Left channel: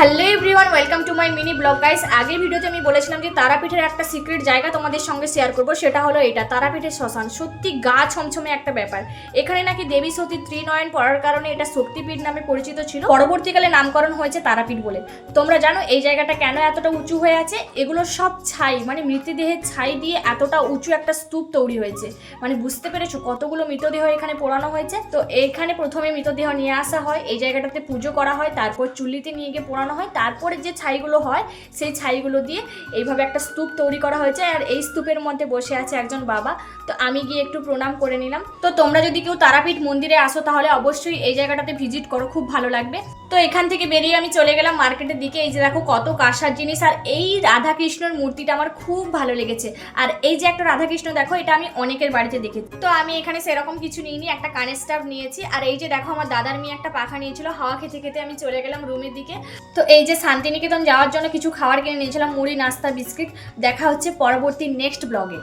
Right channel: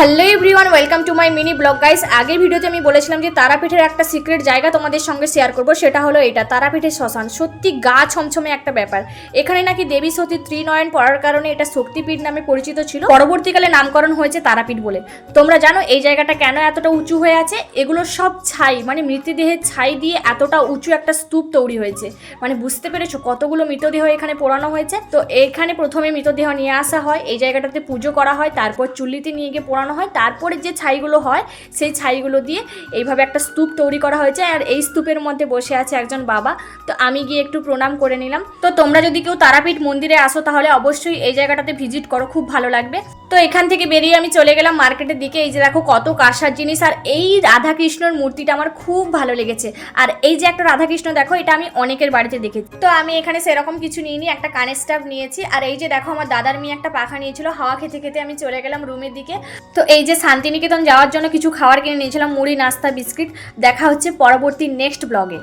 Hello everyone, welcome to my mini blog guys. আগের ভিডিওতে আমি বলেছিলাম যে তারাপীঠের একটা সিক্রেট জায়গা তোমাদের সঙ্গে শেয়ার করব, সেটা হলো এটা তারাপীঠের শ্মশান। সত্যি গা ছমছমে একটা ব্যাপার। এখানে নাকি দেবী সতী ত্রিনয়ন পড়ার কারণে এটা শক্তিপীঠ নামে পরিচিত ছিল, পরবর্তীকালে নামকরণ হয়েছে তারাপীঠ বলে। তোমরা জানো এই জায়গাটা কেন এতটা উঁচু হয়ে আছে? এগুলোর সব ছাই, মানে মৃতদেহের ছাই দিয়ে এতটা উঁচু একটা স্তূপ তৈরি হয়েছে। মানে বুঝতে পেরেছো কতগুলো মৃতদেহ এখানে পোড়ানো হয়েছে। তো এখানে প্রথমে মৃতদেহ নিয়ে আসা হয়, এই জায়গাটাতে পুজো করা হয়, তারপর চুল্লিতে নিয়ে গিয়ে পোড়ানো হয়, তারপরে যে ছাইগুলো হয় সেই ছাইগুলো দিয়ে এইভাবে একটা স্তূপ তৈরি করা হয়েছে। আর এই স্তূপের মধ্যে বসে আছে একজন বাবা। তো আমি গিয়ে একটু প্রণাম করে নিলাম। তো তোমরা যদি কেউ তারাপীঠ মন্দিরে আসো তাহলে অবশ্যই এই জায়গাটাতে ভিজিট করো, খুব ভালো লাগবে। তো এখান থেকে বেরিয়ে আমি চলে গেলাম মার্কেটের দিকে। এই যে দেখো কত কাঁসার জিনিস, আর এই রাধাকৃষ্ণর মূর্তিটা আমার খুব ভালো লেগেছে। আর এই যে একটা রাধাকৃষ্ণ দেখো, এটা আমি অনেকের বাড়িতে দেখেছি। তো আমি এখানে সেরকম কিছু নিইনি, একটা কানের স্টাফ নিয়েছি। আর এই যে দেখো আমার দাদার মেয়ে একটা পাখা নিয়েছিল, হাওয়া খেতে খেতে আমি চলে গেলাম রুমের দিকে। তো এই যে শান্তিনিকেতন যাওয়ার জন্য কিছু খাবার কিনে নিয়েছিলাম, মুড়ি, নাস্তা, বিস্কিট। দেখা হচ্ছে পরবর্তী নেক্সট ব্লগে।